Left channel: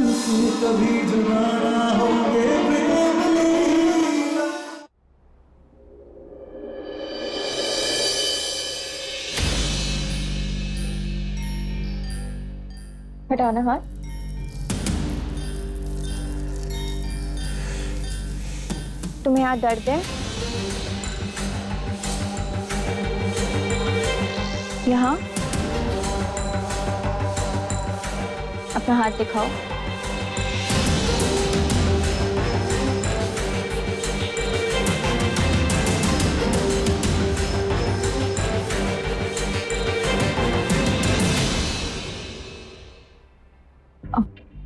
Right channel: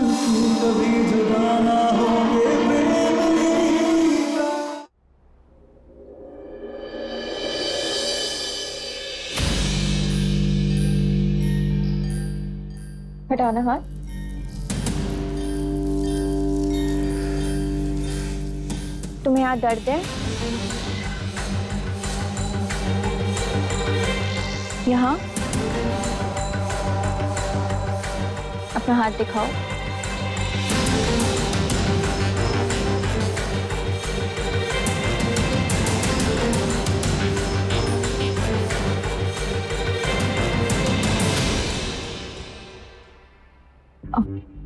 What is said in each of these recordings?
मिलके कभी जुदा ना होंगे प्रेम लीला। हटाना हाथ। तुम्हें यहाँ दर्द है? यहाँ अपना हाथ दिखाओ।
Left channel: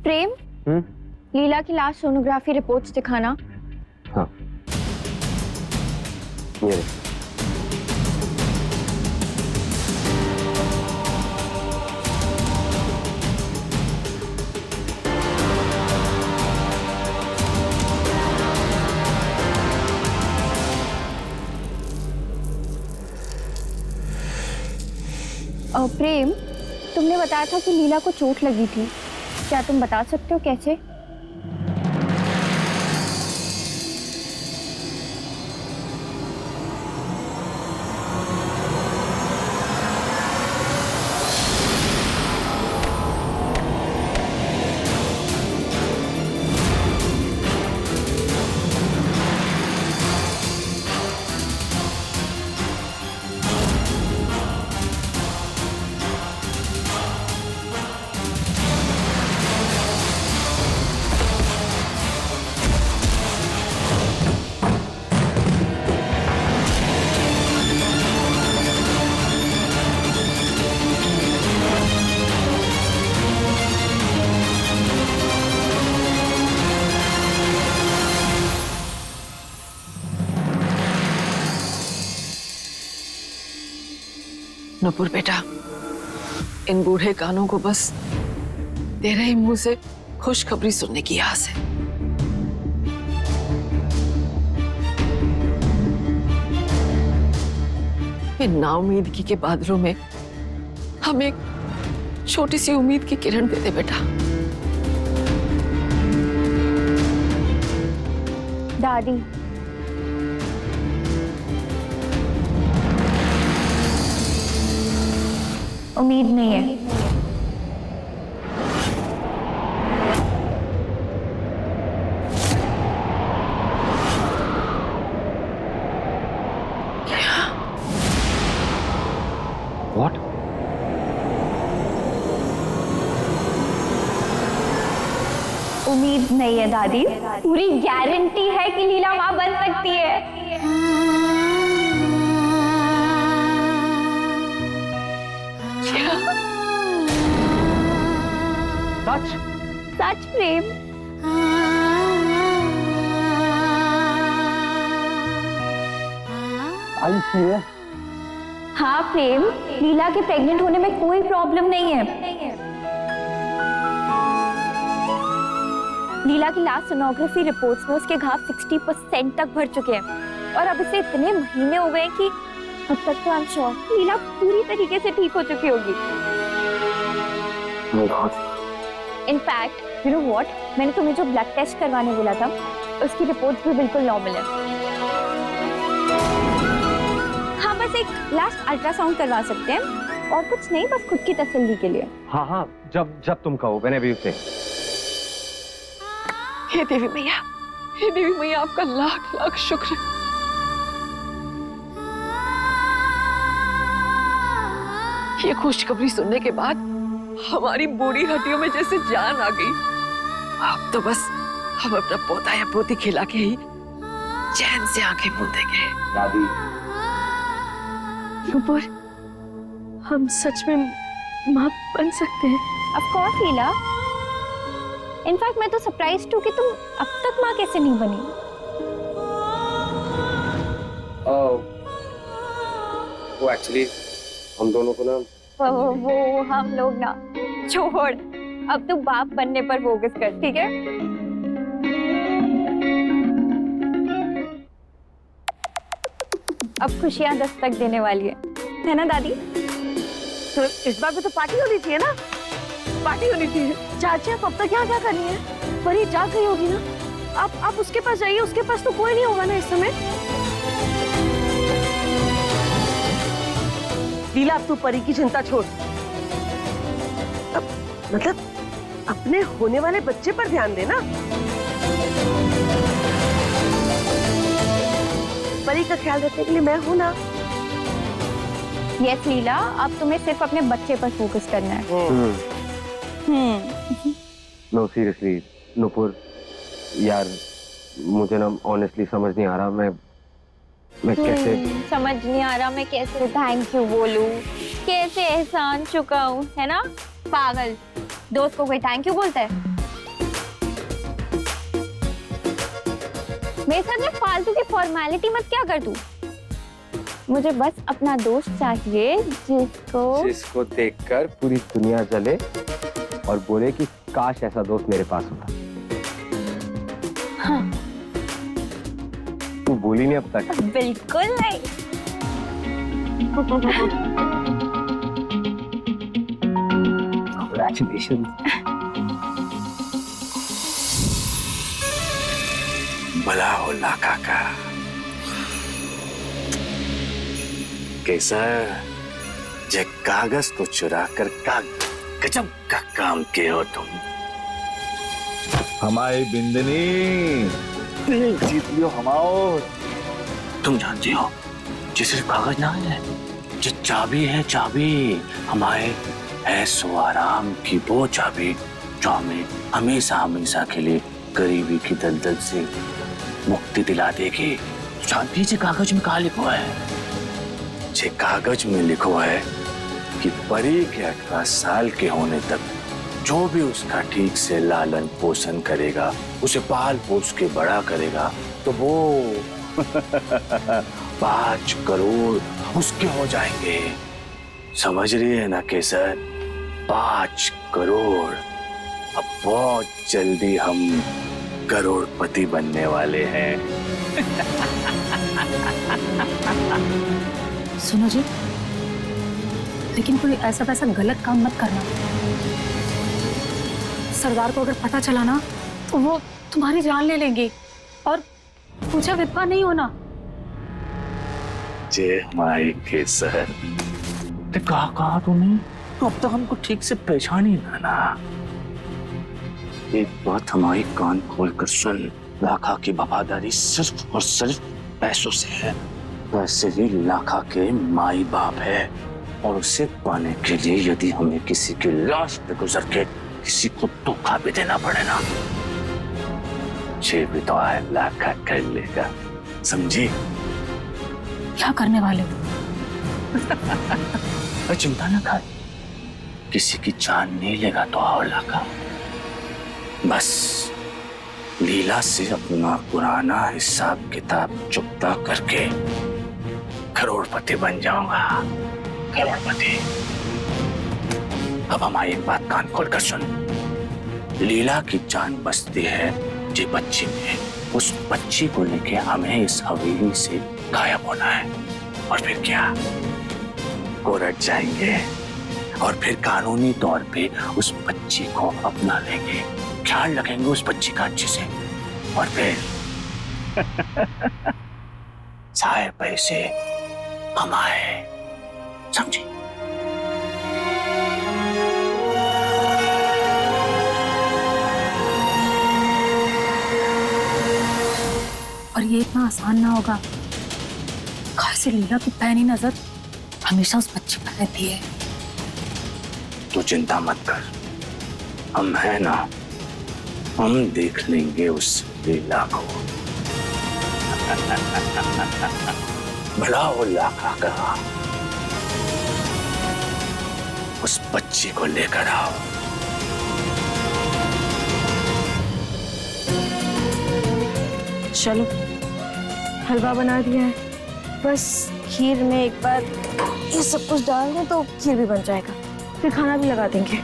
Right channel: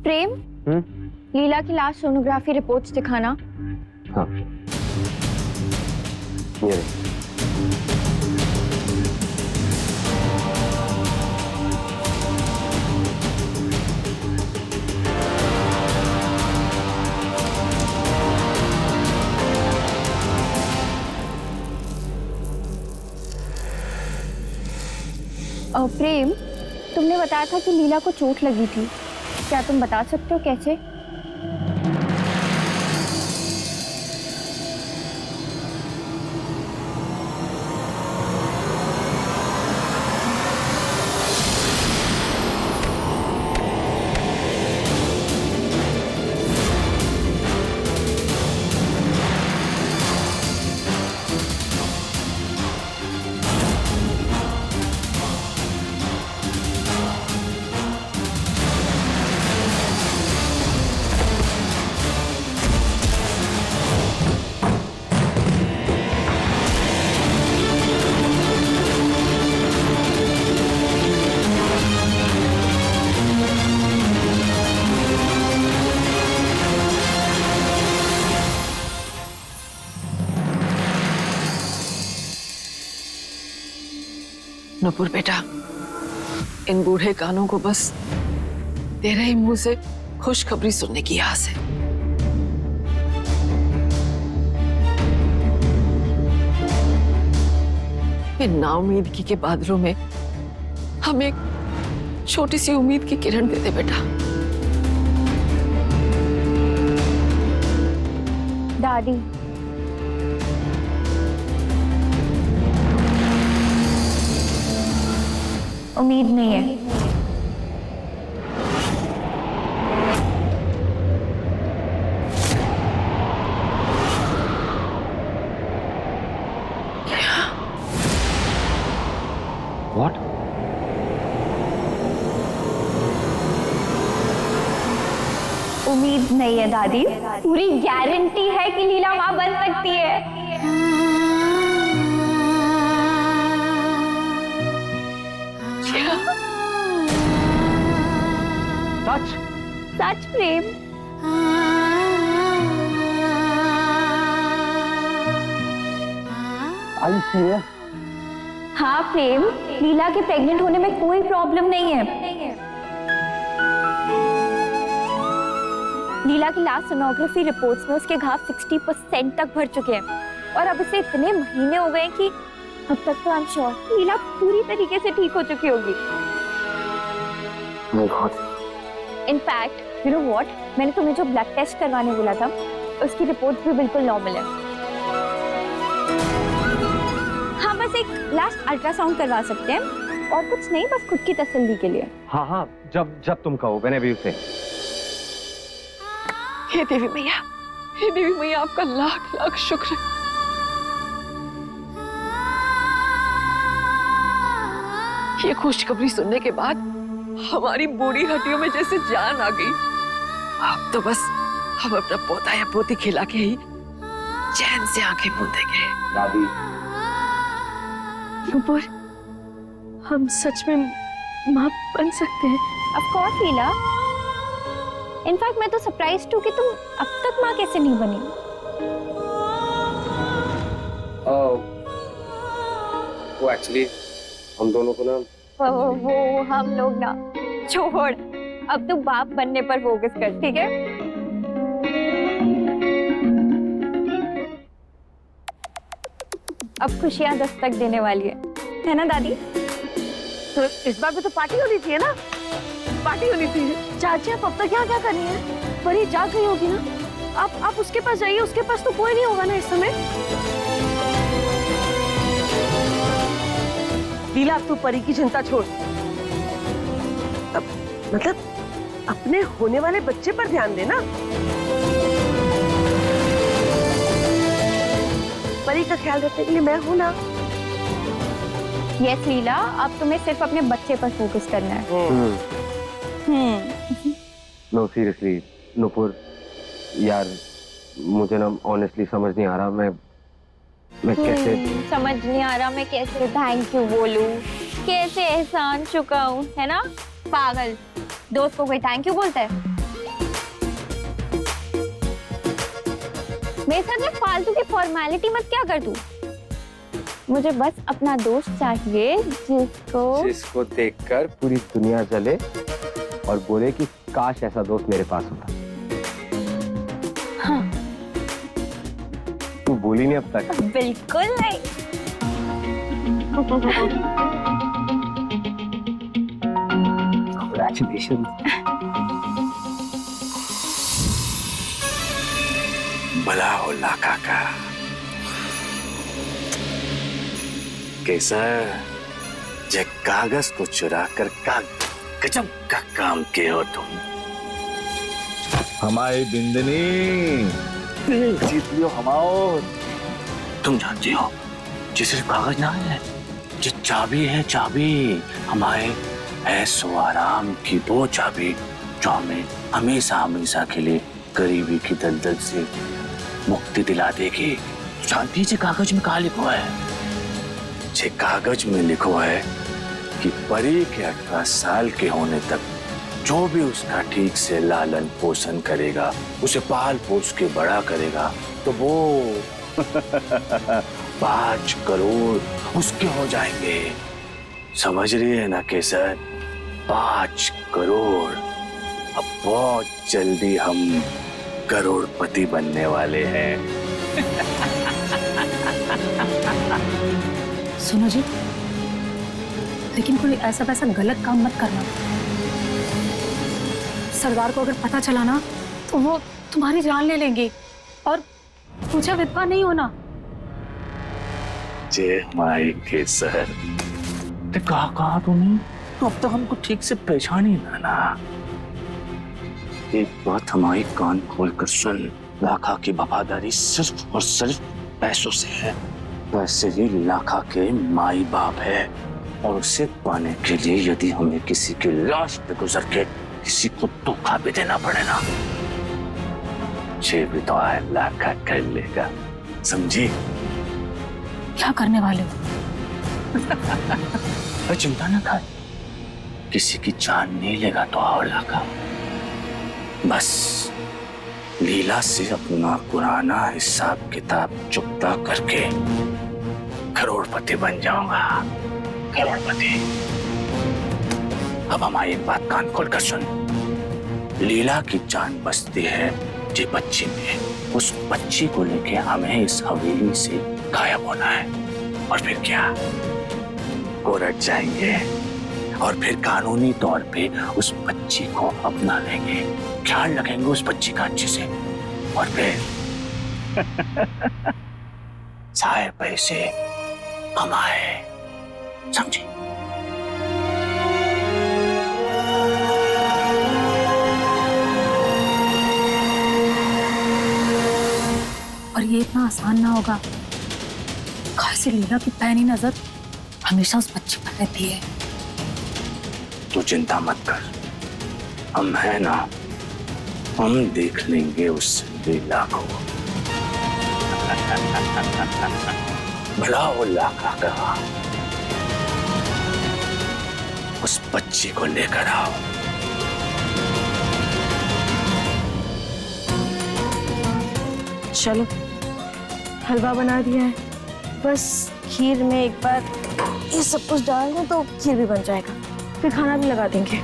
प्रेम, लीला की लास्ट सोनोग्राफी रिपोर्ट्स दिखाना। हाँ, ये प्रेम, तुमने बताया था कि लीला को चोट लगी थी, क्या तुम बता सकते हो कैसे? नूपुर बेटा, इन बूढ़े कानों को बस तेरे ही मुंह से खुशखबरी सुनने की आस है। इन नाउम्मीदगी के बादलों में हम एक छोटी सी उम्मीद की किरण दे दे बेटा। दादी, उम्मीद नहीं है। What? उम्मीद नहीं है दादी, पूरी गारंटी है कि लीला माँ बन सकती है। सच? सच प्रेम। Are you serious? हाँ प्रेम, लीला के प्रेग्नेंट होने में कोई प्रॉब्लम नहीं है। लीला की लास्ट सोनोग्राफी रिपोर्ट्स में उसके घाव 60% तक भर चुके हैं और अब इसे इतने महीने हो गए कि अब तक तो आई एम श्योर लीला पूरी तरीके से ठीक हो चुकी होगी। इनफैक्ट यू नो व्हाट, मैंने तुम्हें जो ब्लड टेस्ट करवाने बोला था उसकी रिपोर्ट भी बिल्कुल नॉर्मल है। हाँ, बस एक लास्ट अल्ट्रासाउंड करवा सकते हैं और कुछ नहीं, बस खुद की तसल्ली के लिए। हाँ हाँ, जब तुम कहो, मैंने भी उसे। हे देवी मैया, हे देवी मैया, आपका लाख लाख शुक्र है। ये खुशखबरी सुनने के बाद हमारी बूढ़ी हड्डियों में जैसे जान आ गई। अब तो बस हम अपना पोता या पोती खिला के ही चैन से आंखें मूंदेंगे। दादी, नूपुर, हम सच में मां बन सकते हैं? Of course Leela. इनफैक्ट मैं तो सरप्राइज्ड हूँ कि तुम अब तक माँ कैसे नहीं बनी। वो एक्चुअली हम दोनों को ना वो हम लोग ना छोड़, अब तू बाप बनने पर फोकस कर, ठीक है? अब खुशियां दस्तक देने वाली है ना दादी? तो इस बार भी तो पार्टी होनी चाहिए ना, पार्टी होनी चाहिए। चाची आप अब तक यहाँ क्या कर रही हैं? परी जाग गई होगी ना। आप उसके पास जाइए, उसके पास तो कोई नहीं होगा ना इस समय। लीला अब तू परी की चिंता छोड़, अब मतलब अपने होने वाले बच्चे पर ध्यान देना। परी का ख्याल रखने के लिए मैं हूं ना। यस लीला, अब तुम्हें सिर्फ अपने बच्चे पर फोकस करना है। नो सीरियसली नुपुर, यार मुझे ना ऑनेस्टली समझ नहीं आ रहा मैं कैसे समझ नहीं आ रहा मैं कैसे थैंक यू बोलूं, कैसे एहसान चुकाऊं, है ना? पागल, दोस्त को कोई थैंक यू बोलता है? मेरे साथ में फालतू की फॉर्मेलिटी मत क्या कर तू। मुझे बस अपना दोस्त चाहिए जिसको देखकर पूरी दुनिया जले और बोले कि काश ऐसा दोस्त मेरे पास होता। हाँ। तू बोली नहीं अब तक। बिल्कुल नहीं। Congratulations. भला हो लाका का। कैसा जे कागज को चुरा कर का गजब का काम किए हो तुम। हमारी बिंदनी जीत लियो हमाओ। तुम जानती हो ये सिर्फ कागज ना है, ये चाबी है, चाबी हमारे ऐसो आराम की वो चाबी जो हमें हमेशा हमेशा के लिए गरीबी की दलदल से मुक्ति दिला देगी। जानती है कागज में कहा लिखा है? ये कागज में लिखा है कि परी के 18 साल के होने तक जो भी उसका ठीक से लालन पोषण करेगा, उसे पाल पोस के बड़ा करेगा, तो वो 5 करोड़ उसके हो जाएंगे। समझ रही है ना केसर? 5 करोड़। अब बहुत जल्दी हम करोड़पति बनने वाले हैं। सुनो जी, लेकिन कोई ऐसा वैसा गलत काम मत करना। सरदार को अगर पता चला ना तो वो तुम्हारी जान ले लेंगे और पूछा विधवा नहीं होना। जय हमारे केसर, कहा तूने? तो अब तक हमको ठीक से पहचान ही ना। एक बात हमारी कान खोल कर सुन, लाखा की वफादारी सिर्फ और सिर्फ पैसों से है। वैसे ही लाखा के माई बाप है और उसे पाने के लिए यदि हमें किसी की लाश पे गुजर के किसी को धोखा भी देना पड़े ना, ये भी तो है लाखा कर लेगा। समझी? क्या करने वाले हो? अरे चिंता ना कर, किसी की जान नहीं लेगा तो आओ लाखा। बस लीला से अपना पुराना हिसाब किताब चुकता करके करोड़पति बन जाऊंगा। करोड़पति। अब हमारी एक बात कान खोल कर सुन, लीला की जान बसती है जी बच्ची में। उस बच्ची को लेके हमें इस हवेली से गायब होना है और फिर क्या, कोर्ट जाएंगे और फिर कानूनी तौर पे उस बच्ची को अपना लेंगे, ख्याल रखेंगे उस बच्ची का अच्छे से, और फिर सारे पैसे कमाए। समझे? और ये इतना आसान ना होगा। खासी लीला की पैनी नजर हमेशा उस बच्चे पर रहती है। तो चिंता मत कर, हम है ना, हम देख लेंगे उस लीला को। भला वो लाखा का, उस बच्ची को लेकर आओ। चलो, हलवा बना दिया है, बस खीर में एक बार ये सब कुछ डाल दें तो खीर भी बन जाएगा, फिर खाना भी लगा देंगे।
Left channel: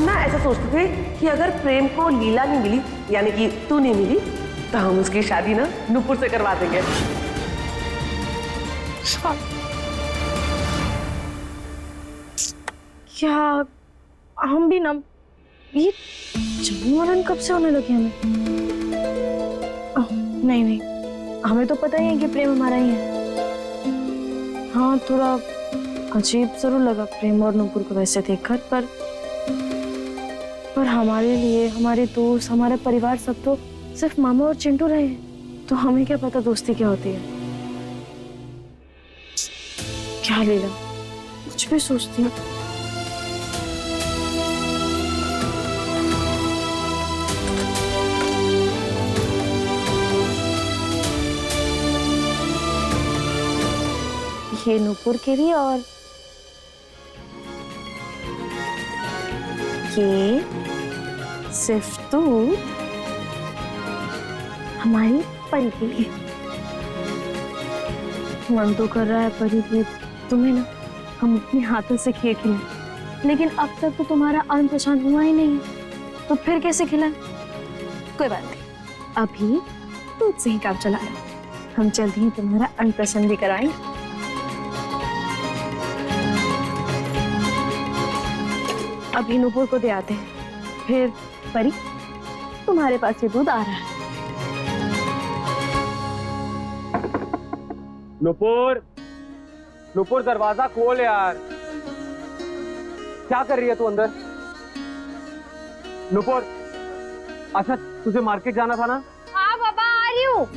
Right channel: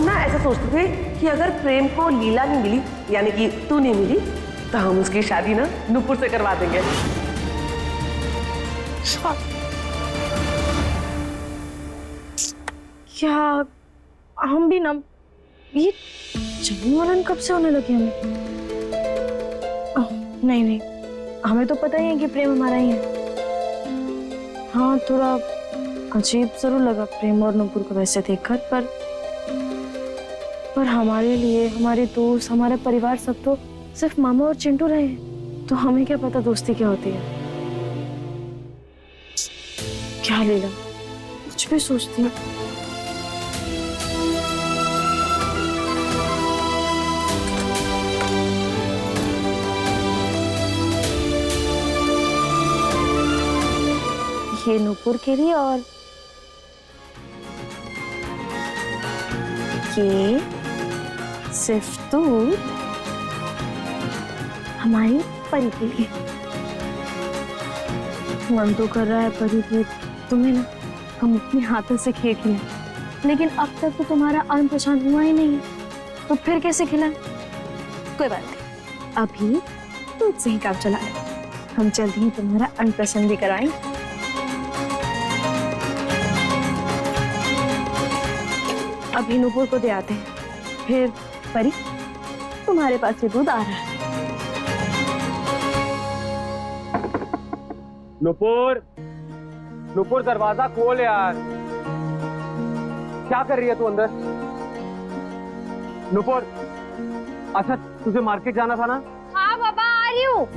हम ना ऐसा सोचते थे कि अगर प्रेम को लीला नहीं मिली, यानी कि तू नहीं मिली, तो हम उसकी शादी ना नुपुर से करवा देंगे। क्या हम भी ना, ये जन्ममरण कब से होने लगे हमें? नहीं नहीं, हमें तो पता ही है कि प्रेम हमारा ही है। हाँ, थोड़ा अजीब जरूर लगा प्रेम और नुपुर को वैसे देखकर, पर हमारे लिए हमारे दोस्त, हमारे परिवार सब तो सिर्फ मामा और चिंटू रहे हैं, तो हमें क्या पता दोस्ती क्या होती है। क्या लीला, कुछ भी सोचती हूँ। ये नुपुर के लिए और ये सिर्फ तू हमारी परी के लिए। मन तो कर रहा है परी की तुम्हें ना हम अपने हाथों से खीर खिलाएं, लेकिन अब तक तो तुम्हारा अन्न हुआ ही नहीं है, तो फिर कैसे खिलाएं? कोई बात नहीं, अभी दूध से ही काम चला लो, हम जल्दी ही तुम्हारा अन्न भी कराएंगे। अभी नुपुर को दे आते हैं, फिर परी तुम्हारे पास ये दूध आ रहा है। नुपुर, नुपुर दरवाजा खोल यार। क्या कर रही है तू अंदर? नुपुर, अच्छा तुझे मार्केट जाना था ना? हाँ पापा, आ रही हूँ।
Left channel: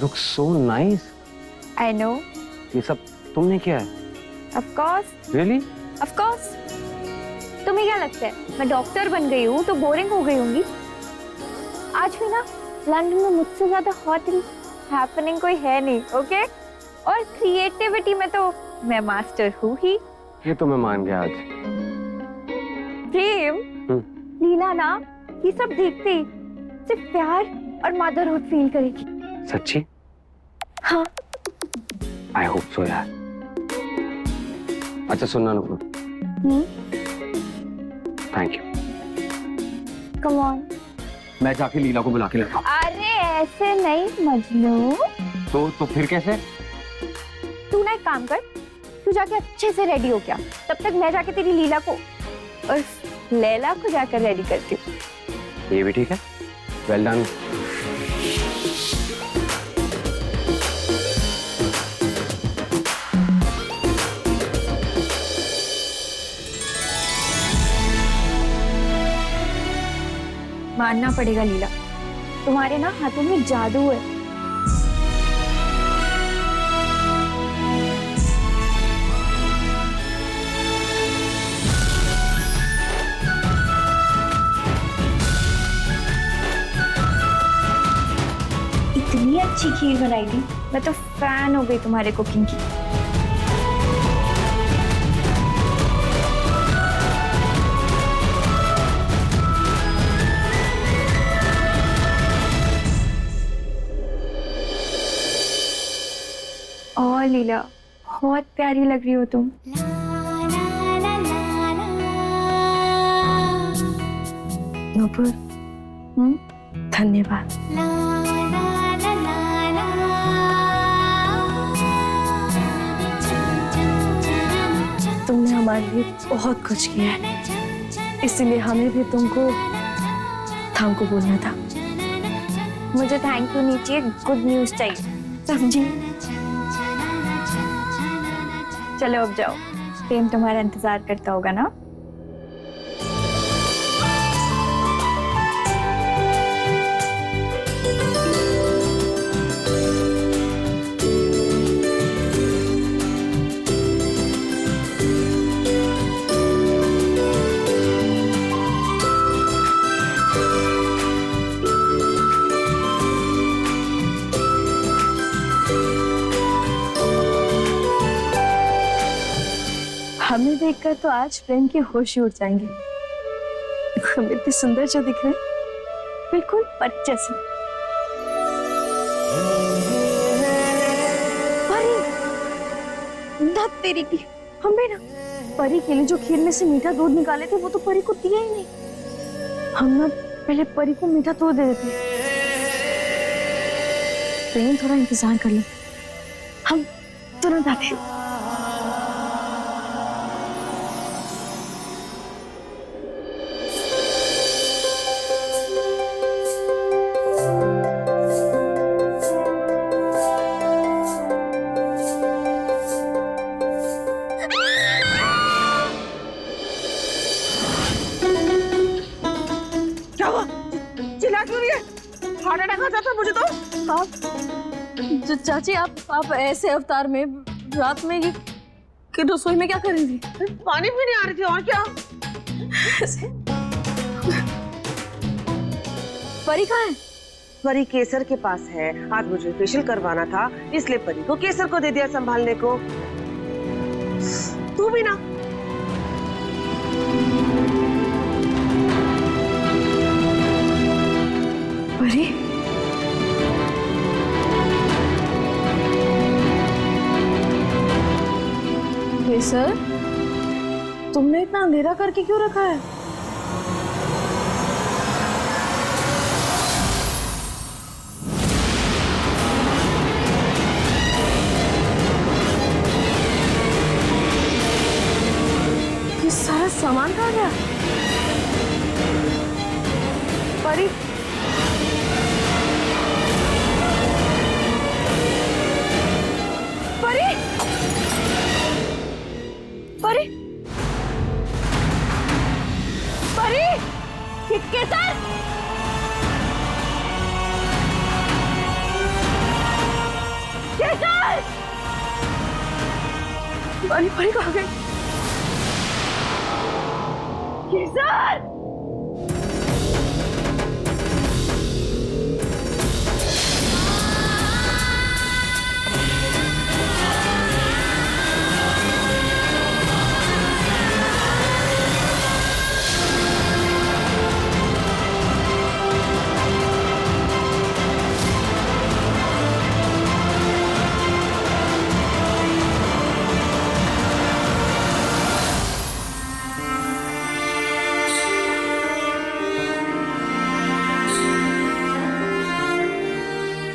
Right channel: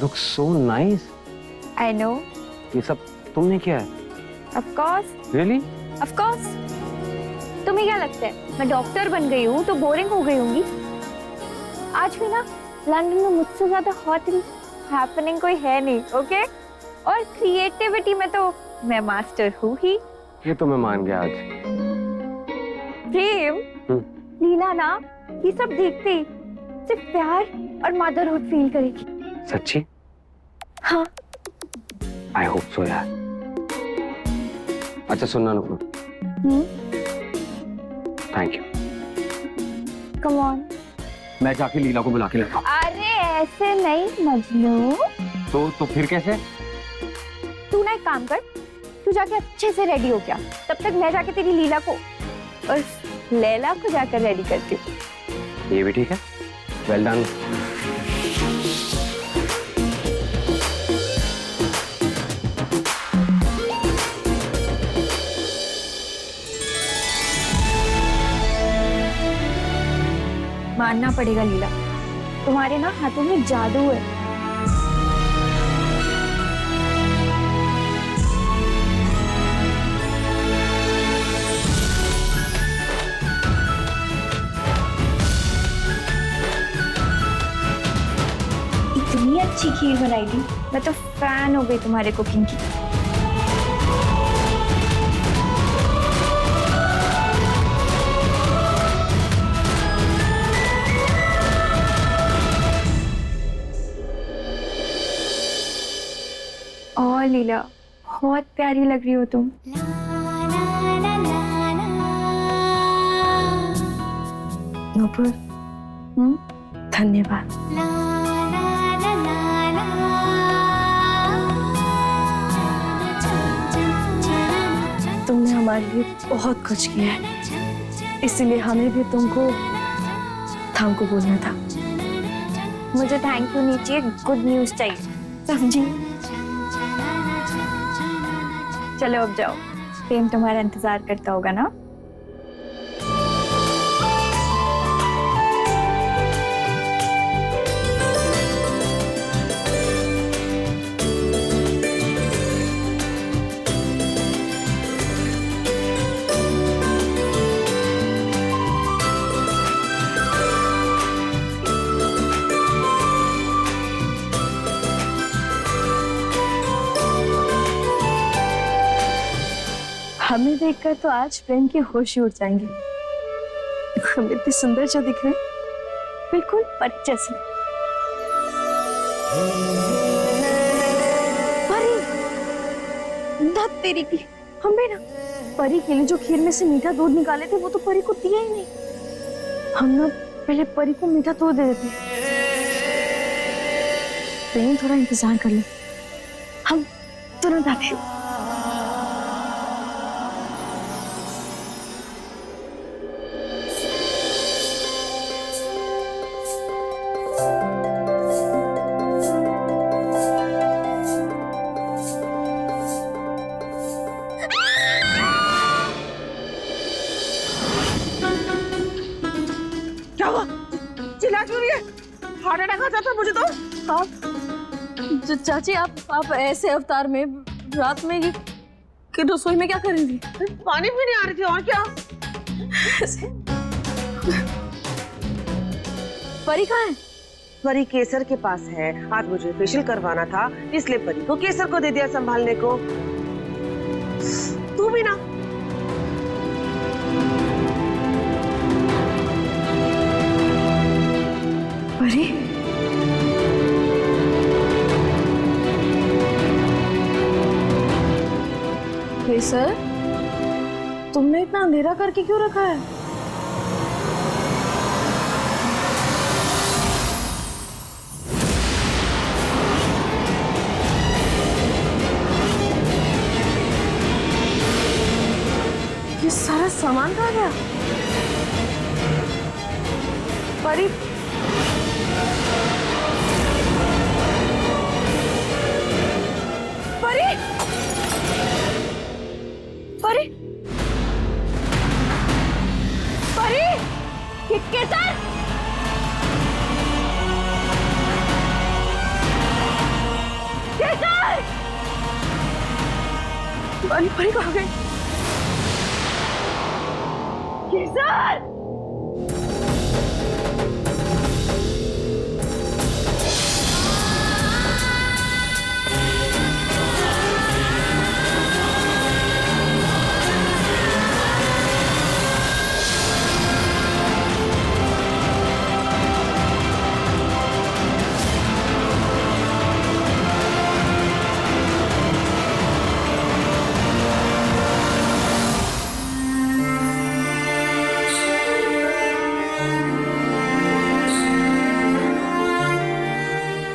Looks so nice. I know. ये सब तुमने किया है? Of course. Really? Of course. तुम्हें क्या लगता है मैं डॉक्टर बन गई हूँ तो बोरिंग हो गई होंगी? आज भी ना लंदन में मुझसे ज्यादा हॉट एंड हैपनिंग कोई है नहीं, ओके? और क्रिएटिविटी में तो मैं मास्टर हूँ ही। ये तो मैं मान गया आज। प्रेम, लीला ना ये सब देखते ही सिर्फ प्यार और मदरहुड फील करेगी। सच्ची? हाँ। I hope so यार। अच्छा सुनना Nupur. Thank you. Come on. मैं जाके लीला को बुला के लेता हूँ। अरे ऐसे नहीं मजनू। तो फिर कैसे? तू ना एक काम कर, तू जाके अच्छे से रेडी हो गया, तब तक मैं जाके तेरी लीला को और लैला को जाकर रेडी करती हूँ। ये भी ठीक है। Well done. मानना पड़ेगा लीला, तुम्हारे ना हाथों में जादू है। इतनी अच्छी खीर बनाई थी, मैं तो फैन हो गई तुम्हारे कुकिंग की। और लीला बहुत प्यारी लग रही हो तुम। नुपुर, धन्यवाद। तुमने हमारे लिए बहुत कुछ किया है, इसीलिए हमें भी तुमको बोलना था। मुझे थैंक यू नहीं चाहिए, गुड न्यूज चाहिए, समझी? चलो अब जाओ, प्रेम तुम्हारा इंतजार करता होगा ना। हमें देखकर तो आज प्रेम के होश ही उड़ जाएंगे। हम इतने सुंदर जो दिख रहे हैं, बिल्कुल परी जैसे। परी, धत तेरी की, हमें ना परी के लिए जो खीर में से मीठा दूध निकाले थे वो तो परी को दिया ही नहीं। हम ना पहले परी को मीठा दूध दे देते। प्रेम थोड़ा इंतजार कर ले, हम तुरंत आते हैं। क्या हुआ? चिल्ला क्यों रही है? हार्ट अटैक आ जाता मुझे तो। आप चाची, आप ऐसे अवतार में रात में कि रसोई में क्या कर रही थी? पानी पीने आ रही थी, और क्या? परी कहाँ है? परी केसर के पास है। आज मुझे फेशियल करवाना था, इसलिए परी को केसर को दे दिया संभालने को। तू भी ना। परी, केसर, तुमने इतना अंधेरा करके क्यों रखा है? ये सारा सामान कहाँ गया? परी, परी, परी, परी, ये केसर, केसर, परी, परी कहाँ गई? केसर,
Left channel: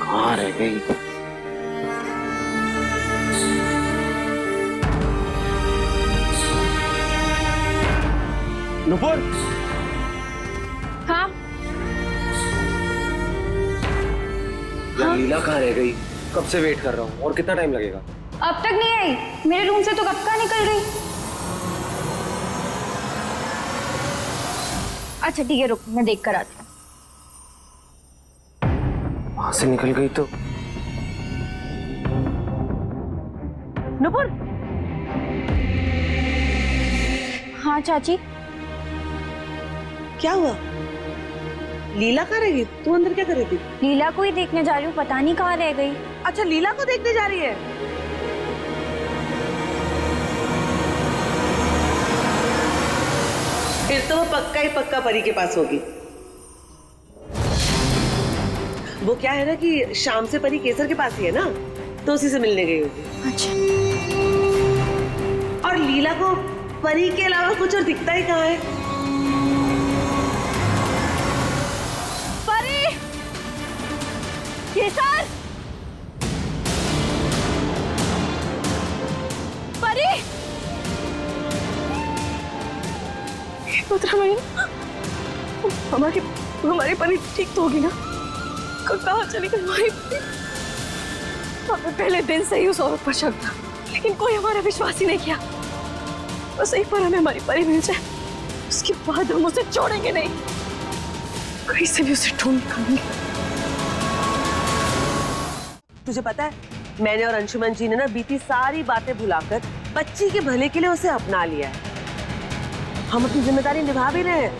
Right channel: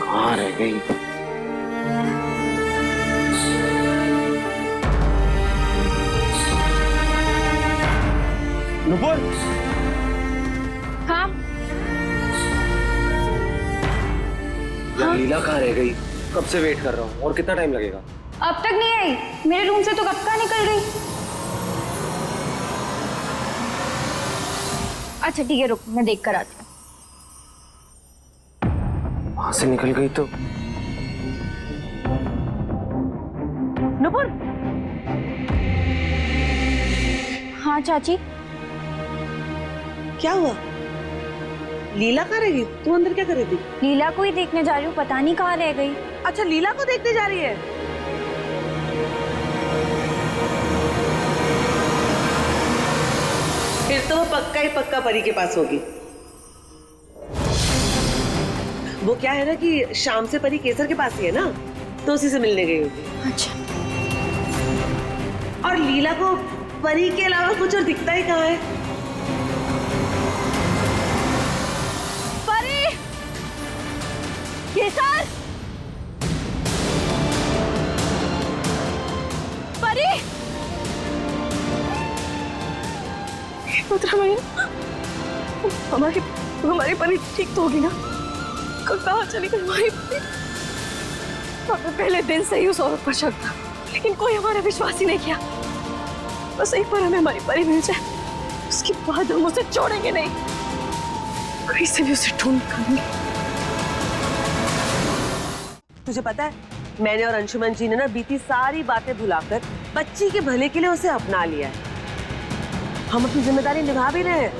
कहाँ रह गई? नुपुर, हाँ यार लीला कहाँ रह गई? कब से वेट कर रहा हूँ, और कितना टाइम लगेगा? अब तक नहीं आई। मेरे रूम से तो कब का निकल गई। अच्छा ठीक है, रुक, मैं देख कर आती हूँ। वहां से निकल गई तो? नुपुर, हाँ चाची। क्या हुआ? लीला कहाँ रह गई? तू अंदर क्या कर रही थी? लीला को ही देखने जा रही हूँ, पता नहीं कहाँ रह गई। अच्छा, लीला को देखने जा रही है। फिर तो वो पक्का ही पक्का परी के पास होगी। वो क्या है ना कि शाम से परी केसर के पास ही है ना, तो उसी से मिलने गई होगी। अच्छा, और लीला को परी के अलावा कुछ और दिखता ही कहाँ है? परी, केसर, परी, हमारी परी ठीक तो होगी ना? कहाँ चली गई हमारी परी? हमें पहले दिन से ही उस औरत पर शक था, लेकिन कोई हमारा विश्वास ही नहीं किया। बस एक बार हमें हमारी परी मिल जाए, उसके बाद हम उसे छोड़ेंगे नहीं। कहीं से भी उसे ढूंढ निकालेंगे। तुझे पता है, मैंने और अंशुमन जी ने ना बीती सारी बातें भुलाकर बच्ची के भले के लिए उसे अपना लिया है। हम अपनी जिम्मेदारी निभा भी रहे हैं,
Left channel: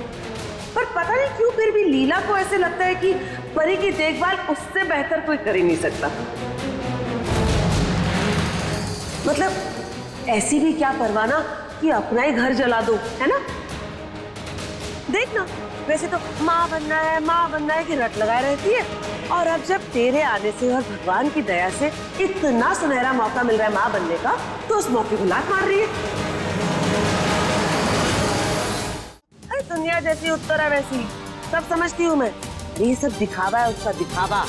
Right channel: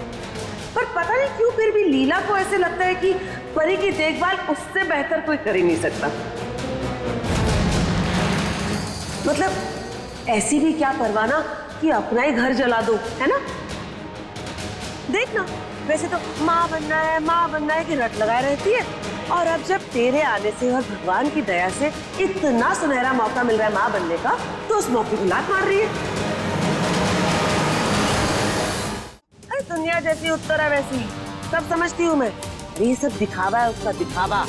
पर पता नहीं क्यों फिर भी लीला को ऐसे लगता है कि परी की देखभाल उससे बेहतर कोई कर ही नहीं सकता। मतलब ऐसी भी क्या परवाना कि अपना ही घर जला दो, है ना? देख ना, वैसे तो माँ बनना है कि रट लगाए रहती है, और अब जब तेरे आने से और भगवान की दया से इतना सुनहरा मौका मिल रहा है माँ बनने का, तो उस मौके को लात मार रही है। अरे दुनिया जैसी उत्तर है वैसी, सब समझती हूँ मैं। अरे ये सब दिखावा है, उसका दिखावा।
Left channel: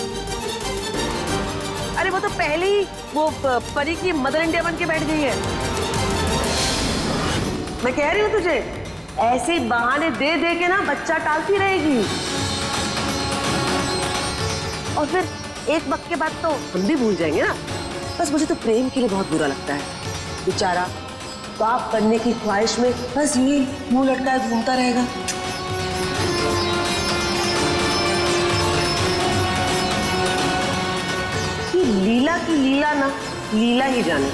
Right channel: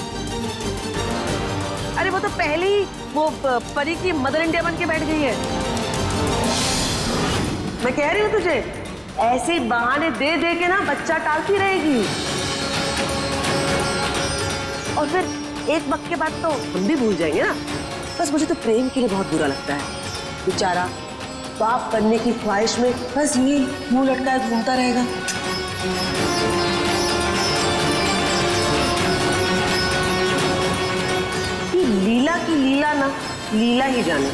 अरे वो तो पहले ही वो परी की मदर इंडिया बन के बैठ गई है। मैं कह रही हूँ तुझे, ऐसे बहाने दे दे के ना बच्चा टालती रहेगी, और फिर एक वक्त के बाद तो हम भी भूल जाएंगे ना। बस मुझे तो प्रेम के लिए बहुत बुरा लगता है, बेचारा बाप बनने की ख्वाहिश में बस यही मुंह लटकाए घूमता रहेगा। ये लीला की लीला ना, लीला ही जाने।